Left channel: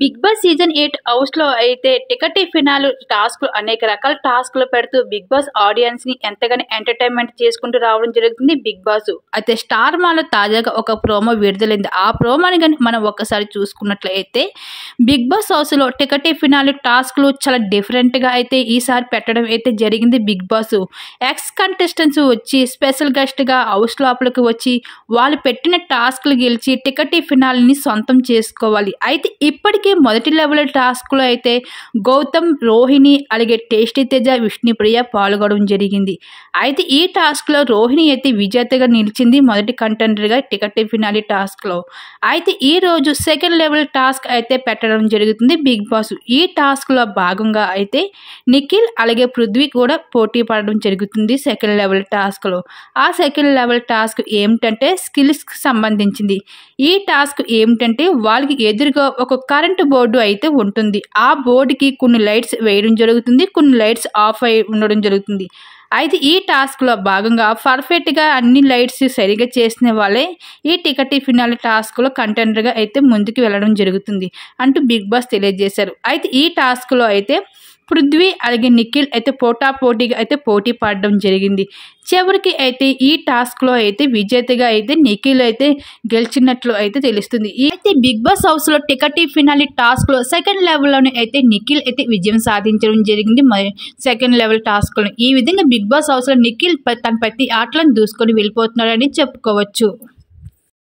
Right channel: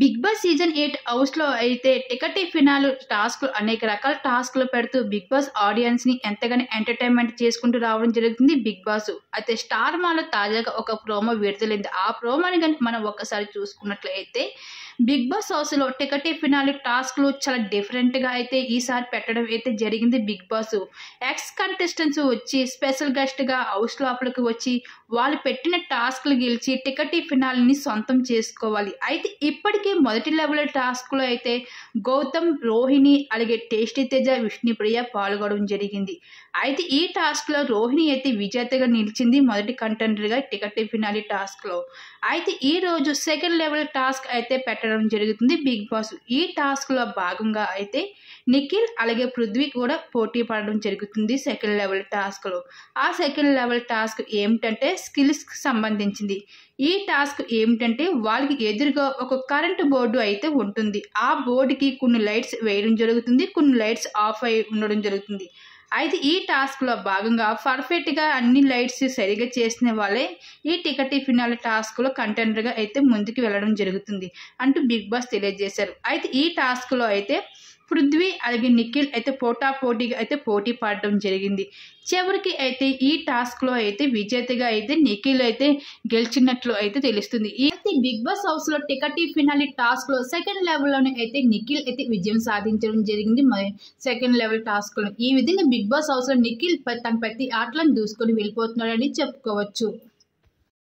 Big boss season 8 హౌస్‌లో అయితే ticket phenol టాస్క్‌లు అనేక రకాల టాస్క్‌లు పెడుతూ బిగ్ బాస్ ఆడియన్స్‌ని ఎంతగానో ఎంటర్‌టైన్‌మెంట్ చేసుకుంటూ రావడం జరుగుతుంది బిగ్ బాస్. అయితే స్టార్ మాలో తాజాగా ఒక ప్రోమో విడుదలైంది. ఆ ప్రోమోని గాని మనం ఒక్కసారి చూసుకున్నట్లయితే బిగ్ బాస్ హౌస్‌లో టికెట్ ఫినాల్ టాస్క్‌లు చాలా డిఫరెంట్‌గా అయితే ఈసారి పెట్టడం అయితే జరిగింది బిగ్ బాస్. ఎక్స్ కంటెస్టెంట్స్ వచ్చి స్పెషల్ గెస్ట్‌గా హౌస్ లోపలికి వచ్చి వాళ్ళు పెట్టిన టాస్క్‌లు గెలిచి టికెట్ ఫినాల్‌ని సొంతం చేసుకోవాలి. అయితే ఇప్పటికే మొదటి లెవెల్ టాస్క్‌లో అయితే గౌతమ్, రోహిణి అలాగే టేస్టీ తేజ, విష్ణుప్రియ పాల్గొనడం జరిగింది. అయితే ఈ టాస్క్‌లో రోహిణి అయితే విజేతగా నిలిచింది మొదటి కంటెండర్‌గా టికెట్ ఫినాలి టాస్క్‌లో. అయితే ఈరోజు సెకండ్ లెవెల్ టాస్క్ అయితే పెట్టడం జరుగుతుంది బిగ్ బాస్. ఈ టాస్క్‌లో భాగంగా అయితే నిఖిల్ అలాగే పృథ్వీ కూడా పోటీ పడడం జరుగుతుంది సెకండ్ లెవెల్ టాస్క్‌లో. ఆ సెకండ్ లెవెల్ టాస్క్ ఏమిటంటే స్కిల్స్‌కి సంబంధించింది. ఈ టాస్క్ ఏమిటంటే వాళ్ళకి ఎదురుగా ఒక కరెంట్ బోర్డు అయితే ఉంటుంది. ఆ బోర్డుకి కొన్ని లైట్స్ వేయడం జరుగుతుంది. కొన్ని లైట్స్ ఆఫ్ అయి ఉండడం జరుగుతుంది. అయితే ఈ టాస్క్‌లో భాగంగా పర్ఫెక్ట్‌గా అన్ని లైట్స్ సరిగ్గా చేసిన వాళ్ళే ఈ టికెట్ ఫినాల్ టాస్క్‌లో కంటెండర్‌గా అయితే ముందుకు వెళ్ళడం జరుగుతుంది అంటూ బిగ్ బాస్ తెలియజేశారు. అయితే ఈ టాస్క్‌లో అయితే పృథ్వీ అలాగే నిఖిల్ అయితే పోటాపోటీగా అయితే పోటీ పడడం జరిగింది. చివరికి అయితే ఈ టాస్క్‌లో అయితే విజేతగా అయితే నిఖిల్ అయితే గెలిచినట్లు అయితే తెలుస్తుంది. అయితే బిగ్ బాస్ హౌస్‌లో టికెట్ ఫినాలి టాస్క్‌లో సెకండ్ లెవెల్‌లోనే అయితే నిఖిల్ అయితే విజయం సాధించడం జరిగింది. మరి సెకండ్ లెవెల్ టాస్క్‌లో ఈ విధంగా బిగ్ బాస్ హౌస్‌లో నిఖిల్ తన ప్రతి ఆటలను దూసుకొని వెళ్ళిపోతున్నాడని చెప్పుకోవచ్చు.